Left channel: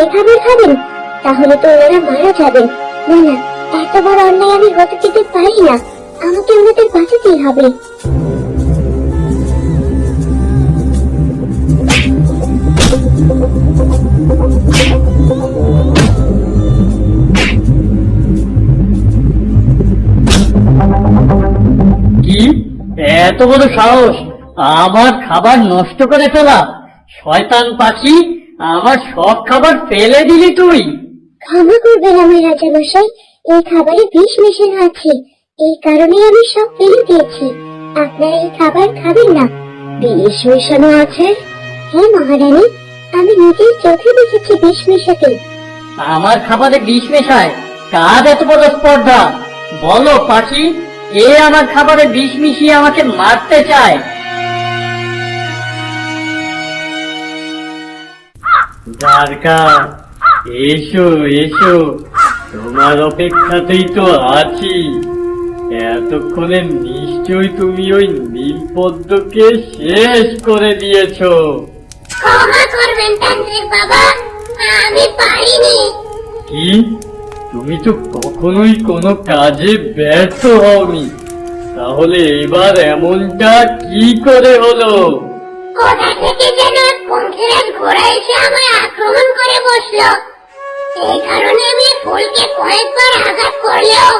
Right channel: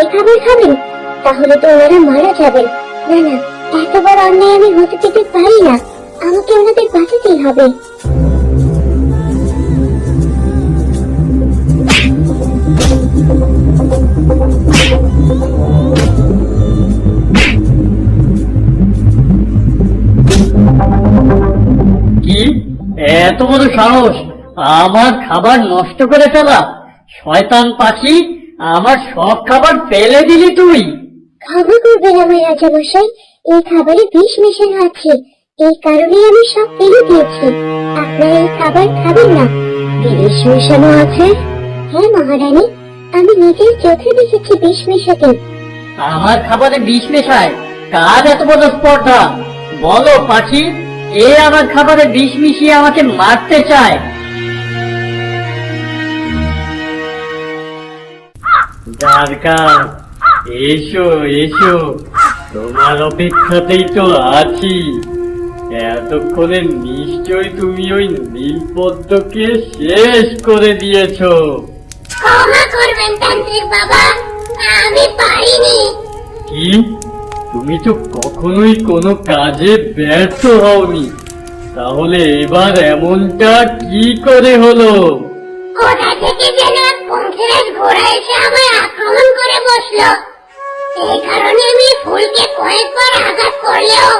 এই খাবার খাবেন? তাহলে তো ওনারা মারা যাবেন। না না, এত বড় অন্যায় আমি হতে দিতে পারি না। আমাকে ওনাদের বাঁচাতেই হবে। কি এত বড় সাহস আমার খাবার নষ্ট করে ফেলা! শয়তান পাখি, আমার সব খাবার ফেলে দিলি তুই! ক্ষমা করবেন আমার রাজা মশাই, এই খাবারে বিষ মেশানো আছে, এই কারণে আমি সব ফেলে দিয়েছি। আপনারা এই খাবার খাবেন না। বিষ মেশানো আছে? হ্যাঁ মহারানী, আমি নিজের চোখে দেখেছি বিষ মেশাতে। আমার খাবারে বিষ মেশায়? কার এত বড় স্পর্ধা? বলো পাখি, এ আমার খাবারে বিষ মিশিয়ে আমাকে মারতে চায়। দ্বারকা, এসো এসো, তোমার অপেক্ষাতেই তো আছি। এতক্ষণে নিশ্চয় তুমি ওই নীলপদ্মকে শেষ করে দিয়েছো। ক্ষমা করবেন তান্ত্রিক বাবা, আমি পারিনি। কি? তুমি তো কখনোই কোনো কাজে ব্যর্থ হওনি, তাহলে এবার এমনটা কি করে হলো? কোথা থেকে যেন এক পঙ্খিরাজ ঘোড়া এসে আমায় আক্রমণ করে বসলো। এই কারণে আমি ফুলকে কয়েকবার আঘাত করলেও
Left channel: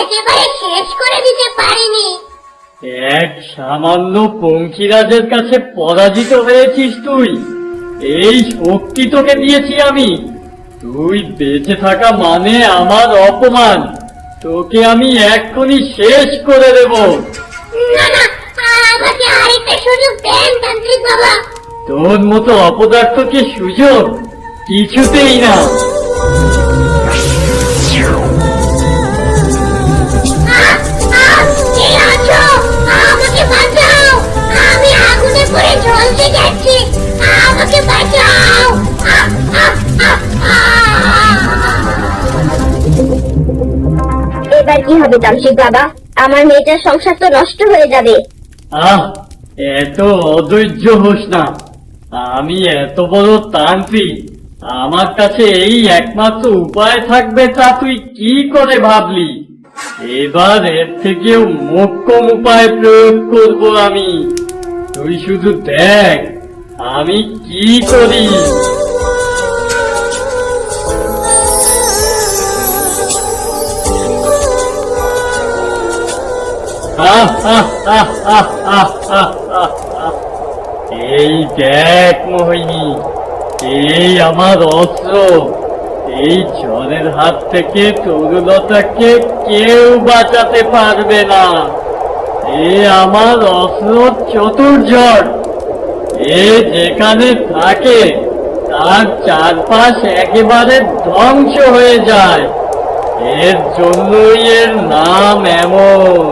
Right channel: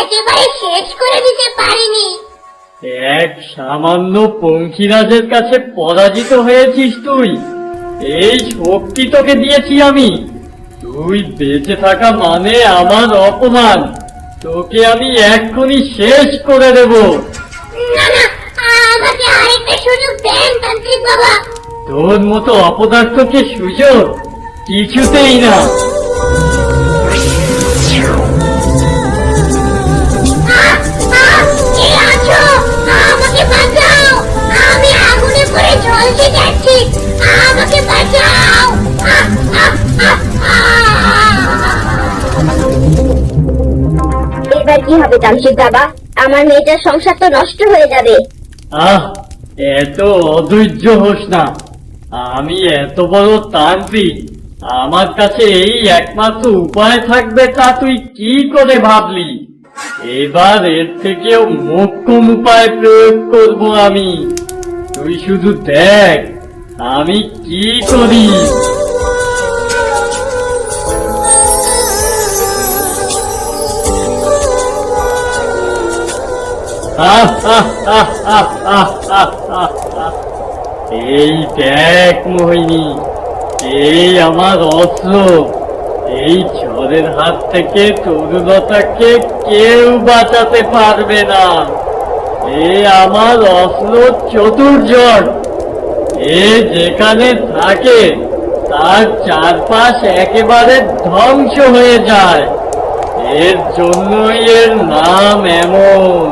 একেবারে শেষ করে দিতে পারিনি। এক সামান্য পঙ্খিরাজের কাছে পরাজিত হয়েছিস তুই? এই শক্তি তোকে দিয়েছি আমি। তুই বেঁচে থাকা মানে আমার অপমান। তোকে আমি এক্ষুনি শেষ করে দেব। না না, আমাকে আরেকটা সুযোগ দেন তান্ত্রিক বাবা। তোর মতো অপদার্থ কি সুযোগ? কিছুতেই না। কে আছো? আমাকে বাঁচাও, আমি আগুনে পড়ে জ্বলতে যাচ্ছি, আমাকে বাঁচাও। এবার কি হবে তান্ত্রিক বাবা? আমার মেয়েটার সংসার তো নষ্ট হয়ে যাবে। আহ, এত অধৈর্য হোস না। আমি এত বড় তান্ত্রিক, আমার কাছে এই একমাত্র উপায় থাকবে তা তুই কি করে ভাবলি? এবার এর থেকেও মোক্ষম উপায় প্রয়োগ করব আমি। তুই শুধু দেখ আমি কি করি। এই দেখ মোহিনী, এই আমার অস্ত্র। এই ঝড়ের হাত থেকে তরুলতাকে কেউ বাঁচাতে পারবে না। এ আমার অস্ত্র চতুর্জট। এ যেখানে থাকে তার চারপাশ একেবারে ধ্বংস হয়ে যায়। এর জন্যই এর নাম এমন।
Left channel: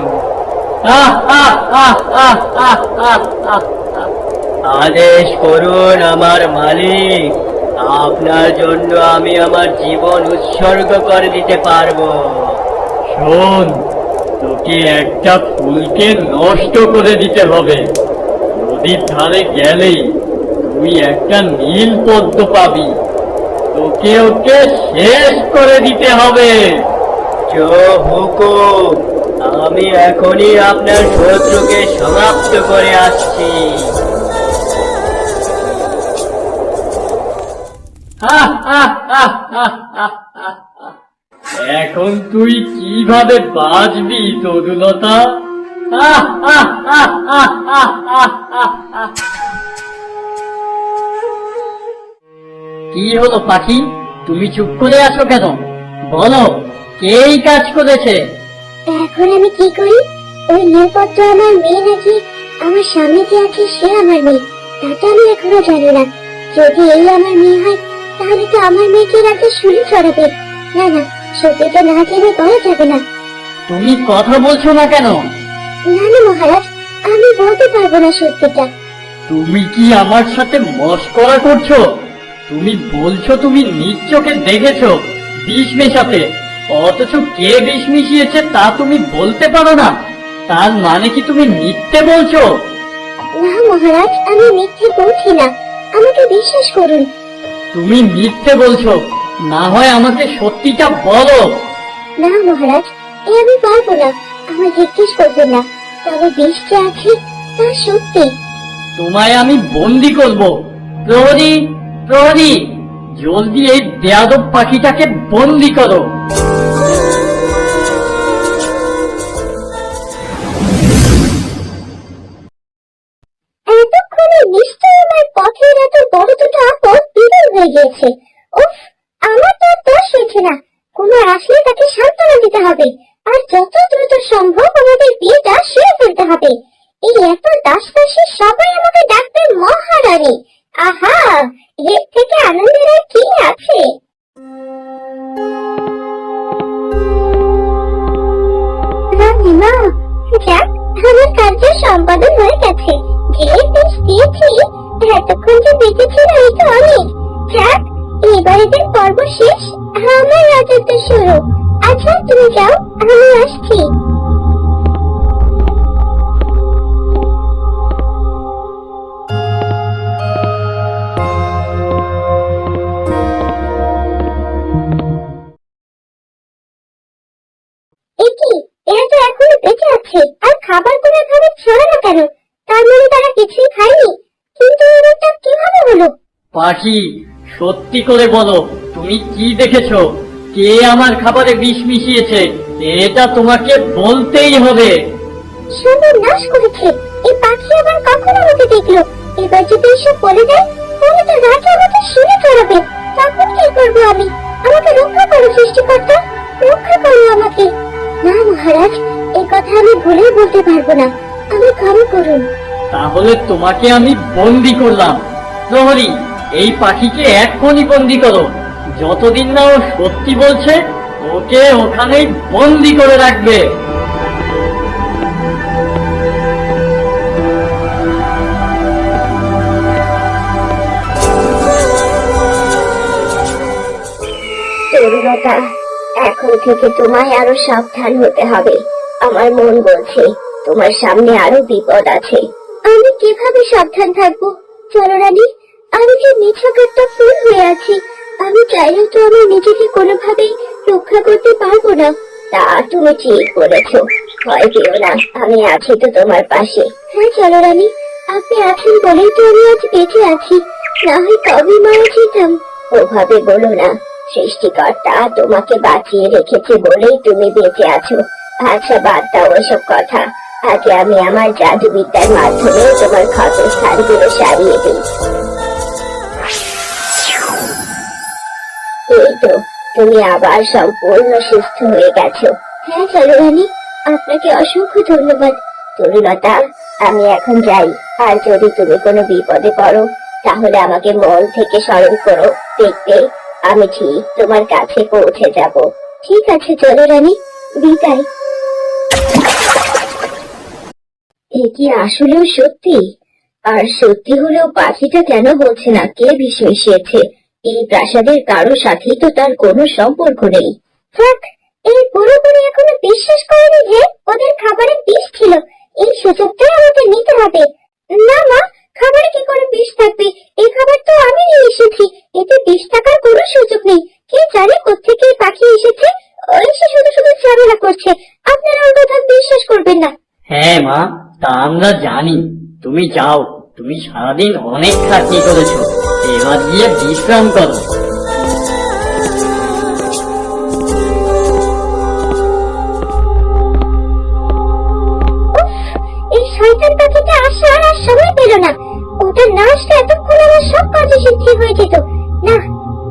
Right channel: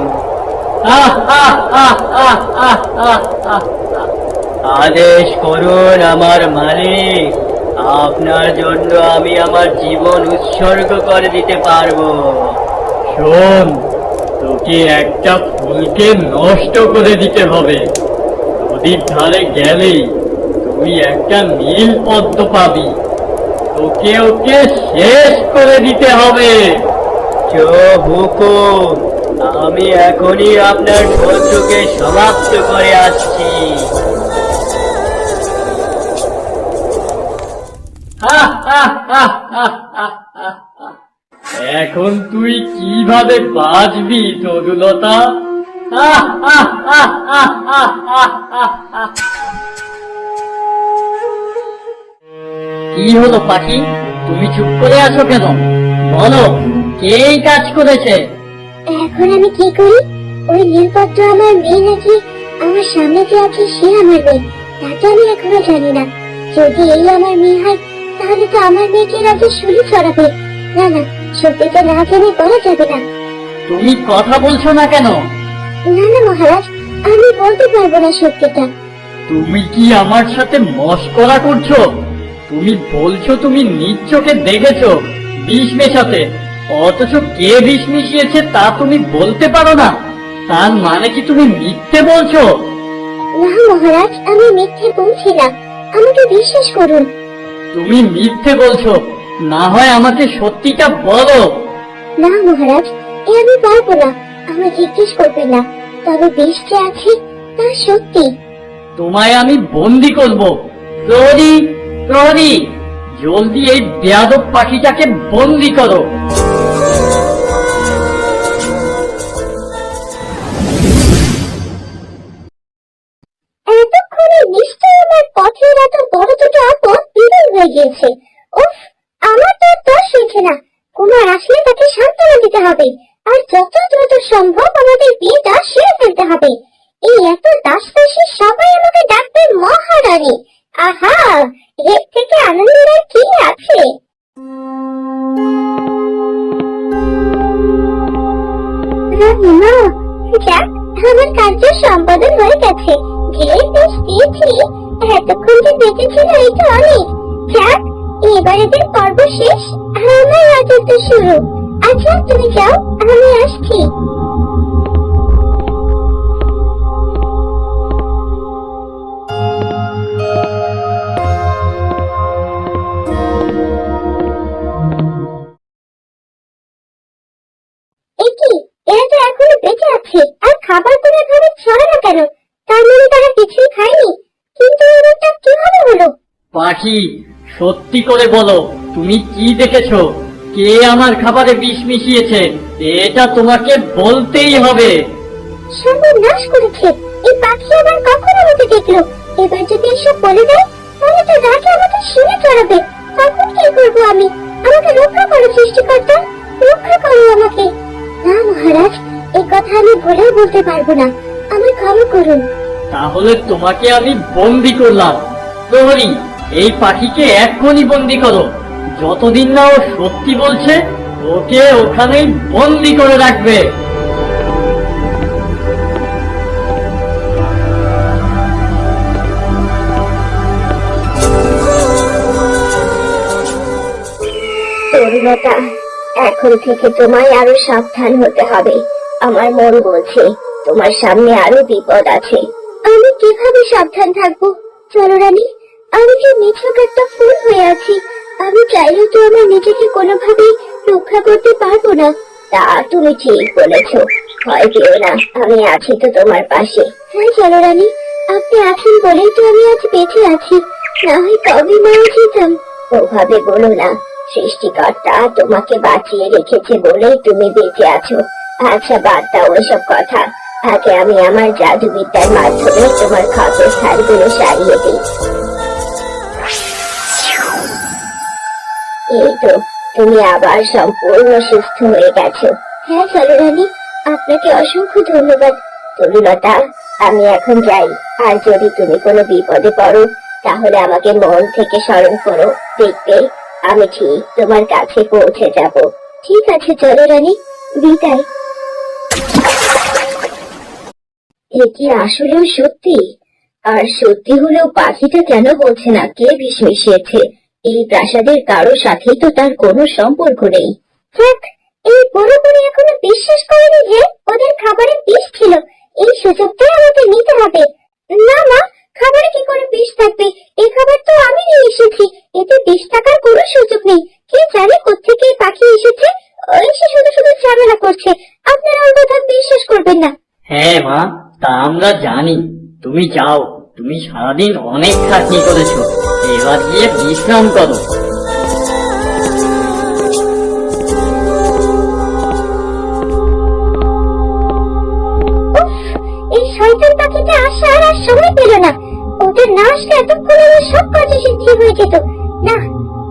আদেশ করুন আমার মালিক, আপনার জন্য আমি আমার জীবন উৎসর্গ করে দিতে পারবো। শোন, তোকে একটা ফুলকে নষ্ট করে দিতে হবে। নদীর ধারে গেলেই তুই একটা নীল পদ্ম পাবি। তোকে ওকে শেষ করে দিতে হবে। হুকুম, আমি এখনই আপনার শত্রুকে সমাপ্ত করে আসছি। এখন তুই কিভাবে বাঁচবি তরুলতা? কি হলো পাখি, তুমি চুপ করে আছো কেন? বলো, কে এই কাজ করেছে? এখন আমি কি করি? ওই নীলপদ্ম আমার মেয়ে নাকি আমার সামনে যে আছে সে আমার মেয়ে, তাতে আমি এখনো জানি না। যদি এই আমার মেয়ে হয় তাহলে তো আমার মেয়েকে রাজা শুলি চড়াবে। না না, সত্যিটা না জেনে বলা যাবে না। তুমি কথা বলছো না কেন? না না মহারাজ, আমি বলতে পারবো না সত্যিটা। তুমি কি আমার সাথে মশকরা করছো? তুমি বলছো তুমি নিজ চোখে দেখেছো বিষ মেশাতে, অথচ কে বিষ মিশিয়েছে তা তুমি বলতে পারো না। তার মানে কি তুমি মিথ্যে বলছো? না মহারাজ, আমি মিথ্যে বলছি না, আমাকে বিশ্বাস করুন। তুমি মিথ্যে বলছো, না হয় আমাকে সত্যিটা বলো। না মহারাজ, এ আমি পারবো না। আমার জিজ্ঞেস করবেন না। তবে বিষ যে আছে তা সত্যি। তোমায় আমি বন্দি করব। প্রহরী, প্রহরী, জলদি এই বেয়াদব পাখিটাকে বন্দি করো। এতক্ষণে নিশ্চয়ই আমার পথের এত বড় দুটো আপদ বিলীন হয়ে গিয়েছে। উফ, আমার তো আর দোষ হয়েছে না। কুমার আসলে তাকে সান্ত্বনা দিতে হবে, আর যত দ্রুত সম্ভব আমাদের বিয়েটা সেরে ফেলতে হবে। এই এত দাসদাসী সবাই আমাকে ডাকবে মহারানী। আহা, এর থেকে আনন্দের আর কি আছে? না, যাক, আমার কার্য সম্পাদন হয়ে গেছে। যে বেশ দিয়েছি, এতক্ষণ যে দেখেছিল এটা অনেক। যাক, এবার এদের পর্ব শেষ, আমার রাজত্ব শুরু। আচ্ছা, তুমি যাও, আমি আসছি। একি, এরা তো এখনো বেঁচে আছে, আর খাবার কোনো এভাবে ছড়ানো কেন? তার মানে তারা কিছুই খায়নি। কিন্তু এটা কিভাবে হলো? পাখি, সত্যি করে বলো, তুমি কি দেখেছো? কে আমার খাবারে বিষ মিশিয়েছে? এটা তোমাকে বলতেই হবে। সর্বনাশ করেছে। এই পাখি আমার কখন আমাকে দেখলো? এবার যদি এসব বলে দেয়, তাহলে তো রাজা আমাকে শুনে চড়াবে। তখন কি করবো আমি? আমাকে রক্ষা করো সৃষ্টিকর্তা, রক্ষা করো আমাকে। না মহারাজ, এই কথা আমি ভুলেও বলতে পারবো না। আমি ক্ষমা করুন। তাহলে তোমাকে আমি বন্দি করলাম। প্রহরী, এই পাখিকে এক্ষুনি বন্দি করো। যতদিন না ও সত্যি বলছে, ওকে ওখানেই বন্দি করে রাখবে। তরুণতা, এখন থেকে তোমায় আরো সাবধান হতে হবে। আমার মন বলছে তোমার সামনে আরো বিপদ আছে। আমি কিভাবে সাবধান থাকবো? চলো রানী, আমি যে নিছক একটা ফুল হয়ে আছি। আমি চাইলেও তো আমার নিজেকে কোনোভাবেই রক্ষা করতে পারবো না। তা তুমি ঠিক বলেছ, ভয় পেও না, আমি আছি তো তোমার পাশে। হ্যাঁ চলো রানী, আপনি আছেন বলেই তো আমি আজ বেঁচে আছি, না হয় কবে মারা যেতাম। ওভাবে বলো না, সৃষ্টিকর্তা তোমাকে বাঁচিয়ে রেখেছে বলেই তুমি বেঁচে আছো। আচ্ছা, বাদ দাও এসব কথা। আগে আমি আমার জাদুবিদ্যার মাধ্যমে তোমার ক্ষত স্থানগুলো সারিয়ে দিই। এই তো, তুমি আবার সম্পূর্ণ সুস্থ হয়ে গেছো। হ্যাঁ চলো রানী, আপনাকে অসংখ্য ধন্যবাদ। তরুণতা, আমি এখন যাই। আর যদি তুমি কোনো বিপদে পড়ো, তাহলে আমাকে মন থেকে স্মরণ করো। দেখবে আমি ঠিক তোমার কাছে পৌঁছে যাব। ঠিক আছে, চলো রানী, বিদায়। এ কি আসলেও সত্যি? আর সত্যি হলেও পাখিটা কেন বলছে না কে বিষ মিশিয়েছে? এই প্রাসাদের কারোর সাথেই তো তার কোনো সম্পর্ক নেই। থাক, এই পুরোপুরি এখনো বিশ্বাস করেনি যে ওদের খাবারে বিষ ছিল। এই সুযোগটাই আমাকে নিতে হবে। না না, খাবারে কি করে বিষ থাকবে? এই খাবার তো আমি নিয়ে এসেছি, এতে বিষ থাকার কোনো সুযোগ নেই। কে জানে কোত্থেকে এই পাখি এসেছে? ও এসে শুধু শুধু ঝামেলা করছে। আপনারা ওর কথা বিশ্বাস করবেন না। হ্যাঁ মা, তা আমরা জানি। তুমি যাও, তুমি সারাদিন অনেক খাটনি করেছো, এবার গিয়ে বিশ্রাম করো। উফ, এই শয়তান পাখিটা আসার আর সময় পেল না। ওদের না আসলে এতক্ষণ আমার সব কাজে সিদ্ধি হয়ে যেত। না,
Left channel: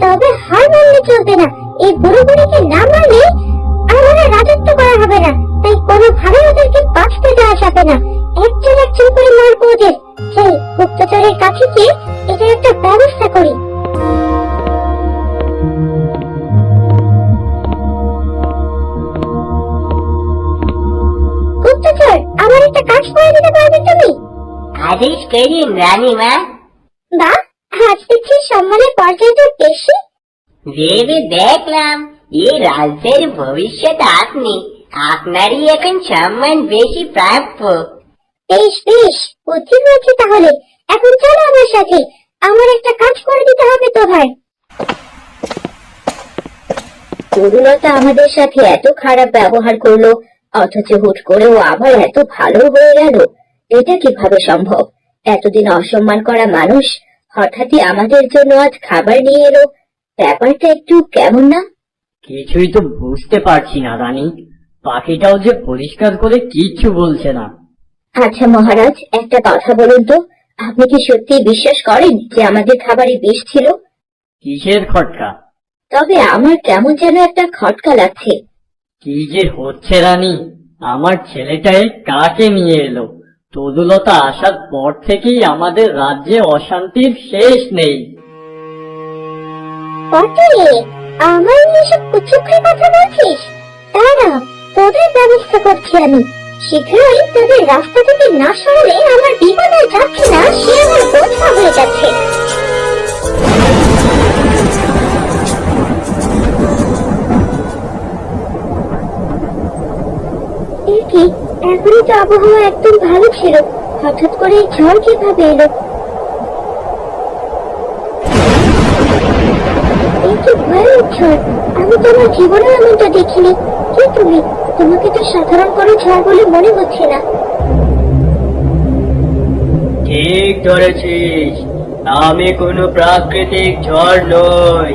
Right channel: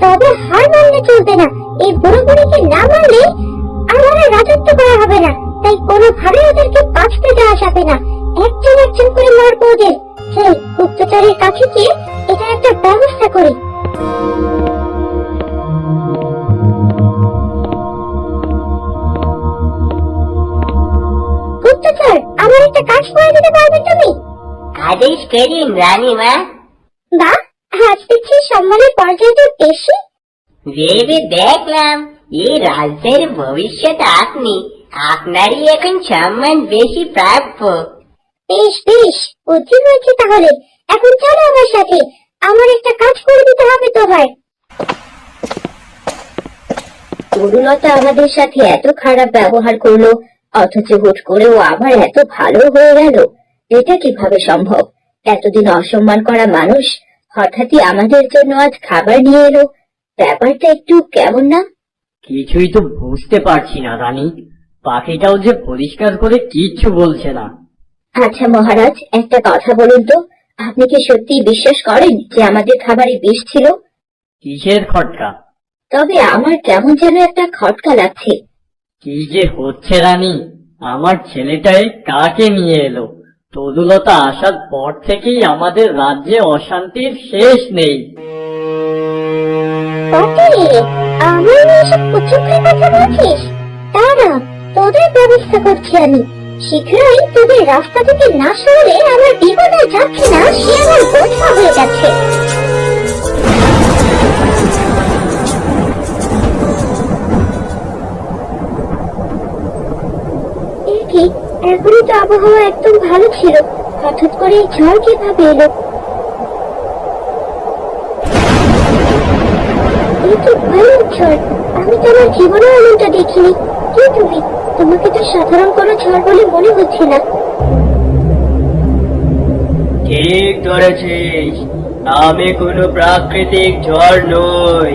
তবে হার মানলে চলবে না। এই পুরোপুরিকে না মানলে আমার আর রাজত্ব করা হবে না। তাই কোনোভাবে ওদেরকে বাঁচতে দেওয়া যাবে না। একজন একজন করে মারবো ওদের। চল, গুপ্তচরের কাছে গিয়ে এটা একটা ব্যবস্থা করি। গুপ্তচর, আমার একটা কাজ করে দিতে পারবে তুমি? আদেশ করিন রানীমা। বা, আজ দেখছি সম্মানের পর্যায়টা বেশি। ভেবে দেখলাম এই রাজ্যের ভবিষ্যৎ আপনি, আপনারই এখন সম্মান বেশি প্রাপ্য। বেশ বেশ, বুদ্ধি হয়েছে তাহলে। এখন চলো আমার সাথে, আমার একটা কাজ করে দিতে হবে তোমার। তরুলতা আমাদের সাথে এত খারাপ ব্যবহার করলো, অথচ হুট করেও আবার এত ভালো হয়ে গেল। এটা কিভাবে সম্ভব? এতদিন অসম্মান করা মানুষ হঠাৎই আমাদের জন্য আজ খাবার নিয়ে এলো। ব্যাপারটা একটু কেমন না? কিছুই তো বুঝতে পারছি না রানী। পাখিটাও যে পরিষ্কার করে কিচ্ছু বলছে না। আচ্ছা মহারাজ, একটা কথা বলুন তো, আপনি কি সত্যি বিশ্বাস করেন যে আমাদের খাবারে বিষ ছিল? কিসের খটকা? তবে আমার কেমন যেন একটা খটকা লাগছে। কি যে হচ্ছে রানী, আমার ছেলেটাই কাকে নিয়ে এলো? তরুলতা আসার পর থেকেই আমাদের রাজ্যে অশান্তির শেষ নেই। আমার এসব কুচক্রি কথা বলছিস? দাঁড়া, তোদের ব্যবস্থা করছি আমি। শীঘ্রই তোদের রাস্তা থেকে না সরলে আমার বিপদ আর যাচ্ছে না, সে আমার বোঝা হয়ে যাচ্ছে। কি এখনো তো আবহাওয়া একদম ভালো ছিল, হঠাৎ করে এই ঝড় কিভাবে এলো? এই তো ভয়ানক ঝড়, আমি তো আমার জীবনেও এমনটা দেখিনি। কে তুমি? তোমাকে তো সাধারণ কোনো ঝড় বলে মনে হচ্ছে না। ঠিক ধরেছিস, আমি কোনো প্রাকৃতিক ঝড় নই,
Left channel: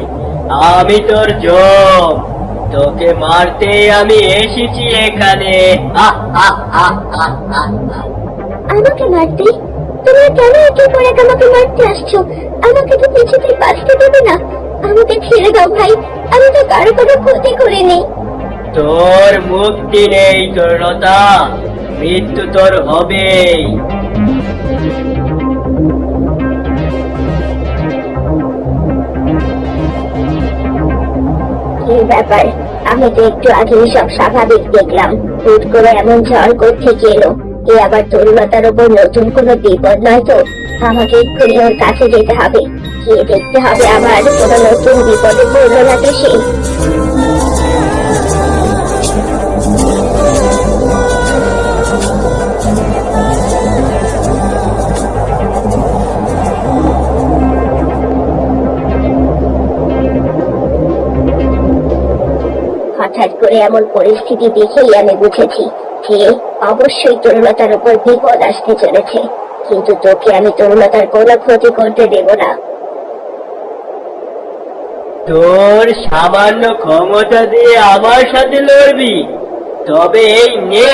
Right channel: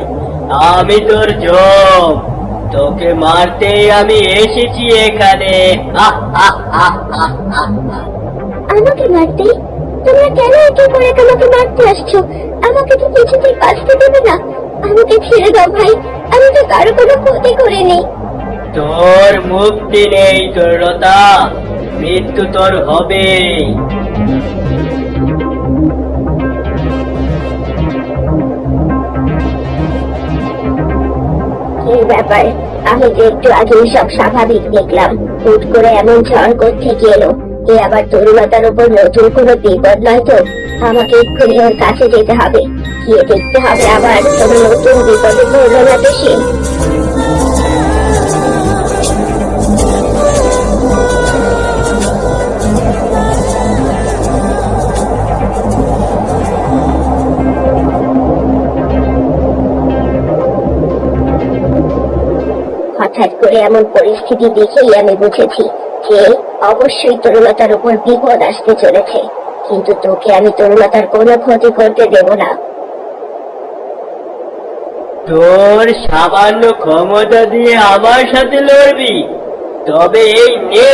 আমি তোর জম। তোকে মারতেই আমি এসেছি এখানে। আমাকে মারতে? তোমরা কেন একে পরে আমাকে মারতে আসছো? আমাকে তো কিছুতেই বাঁচতে দেবে না। আমাকে ছেড়ে দাও ভাই, আমি তো কারো কোনো ক্ষতি করিনি। তোর মুক্তি নেই তরুলতা, মৃত্যু তোর হবে। কি ব্যাপার? আমি তো একটু আগে সব স্বাভাবিক দেখলাম, হুট করে এমন ঝড় কোত্থেকে এলো? এ আবার তরুলতার উপর নতুন কোনো বিপদ নয় তো? আমাকে এক্ষুনি ওর কাছে যেতে হবে, গিয়ে দেখতে হবে আবার কোনো নতুন বিপদে পড়লো না তো সে। হঠাৎ করে এমন পরিস্থিতি দেখেই আমি বুঝেছি যে অবশ্যই তরুলতার উপর বিপদ আসতে চলেছে, কিন্তু তোকে আমি তরুলতার কোনো ক্ষতি করতে দেব না। তোর সামান্য ক্ষমতা দিয়ে আমার সাথে লড়বি? তবে এই নে।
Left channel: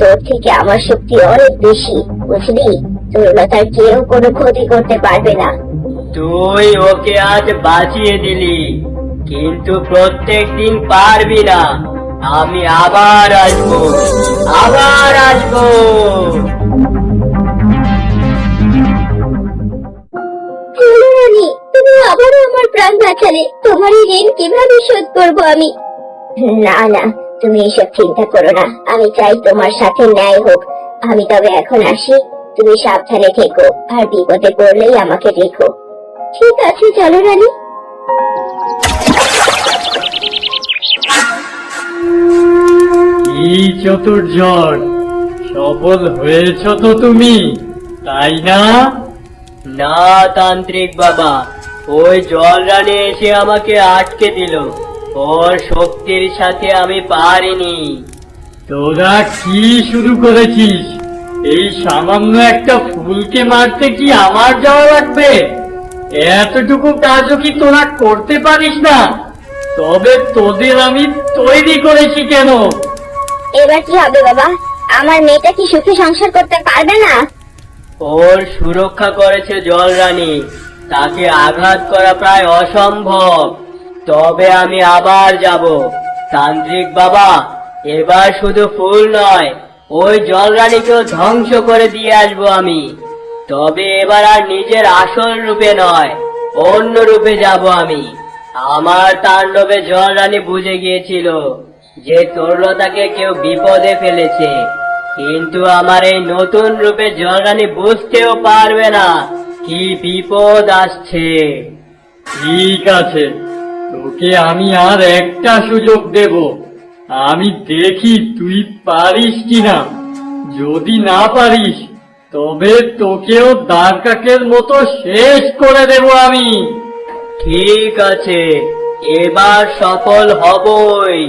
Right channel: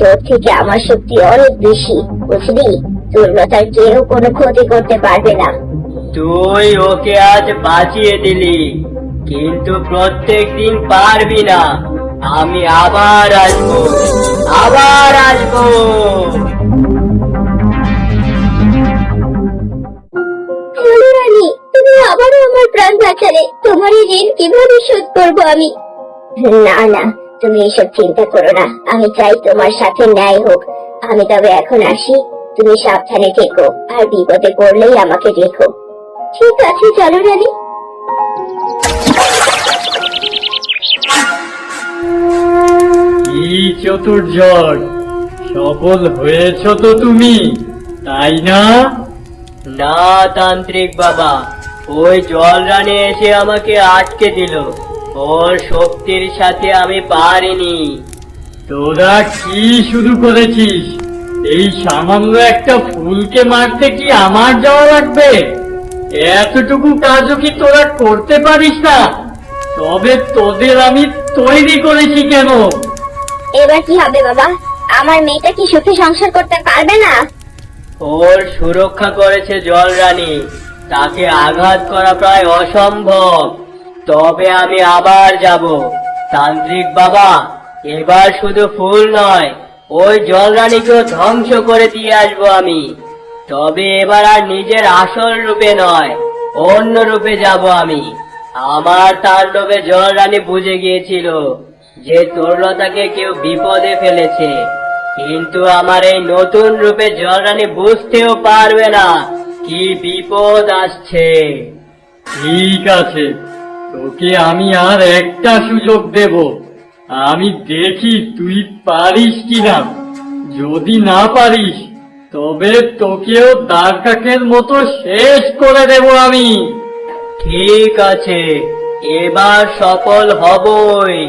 তোর থেকে আমার শক্তি অনেক বেশি, বুঝলি? তরুলতার কেউ কোনো ক্ষতি করতে পারবে না। তুই ওকে আজ বাঁচিয়ে দিলি, কিন্তু প্রত্যেক দিন পারবি না। আমি আবার আসবো, আবার আসবো। চলো রানী, তুমি আবারও আমার প্রাণ বাঁচালে। তোমার এই ঋণ কিভাবে শোধ করবো আমি? না না, তুমি এসব চিন্তা করো না। আমি চাই তোমার সাথে ন্যায় হোক। আমি তবে এখন আসি, তুমি সাবধানে থেকো, আর বিপদে পড়লেই আমাকে দেখো। ঠিক আছে, চলো রানী। এই চতুর্যক সফল হয়েছ তো তুমি, তাই না? না তান্ত্রিক বাবা, ওই জল রানী এসে আমাকে আটকে দিল। ওর শক্তির সাথে আমি পারিনি। তোরা কি শুরু করেছিস? এই সামান্য একটা ফুলকে মারতে কি আমার যাওয়া লাগবে? এতটুকু কাজও কি তোরা করতে পারিস না? তবে তোদের আমি তৈরি করেছি কেন? এবার কি হবে বাবা? আমার মেয়েটা কি সুখে সংসার করতে পারবে না? ওর সুরক্ষা করেছে জল রানী, তাকে আঘাত করা প্রায় অসম্ভব। তবে আমি আবার যাব। তান্ত্রিক বাবা, এবার শুধু ফুল নয়, ওই জল রানীকেও ধ্বংস করে দিয়ে আসবো আমি। তবে এবার আর নিজের আসল রূপে নয়, অন্য রূপে যাব আমি। আমার তাণ্ডবে জল রানী বুঝে গিয়েছিল যে তরুলতাকে কেউ বিপদে ফেলেছে, কিন্তু আমার এই নতুন রূপে জল রানী বুঝতেও পারবে না কি বিপদ আসছে। ঠিক আছে, তোকে আমি আর একটা সুযোগ দেব। আমি দেখি তুই পারিস কিনা। যদি না পারিস তবে তোকেও দাগ কাকের মতো শেষ করে দেব আমি। ঠিক আছে, এবার সফল হবই।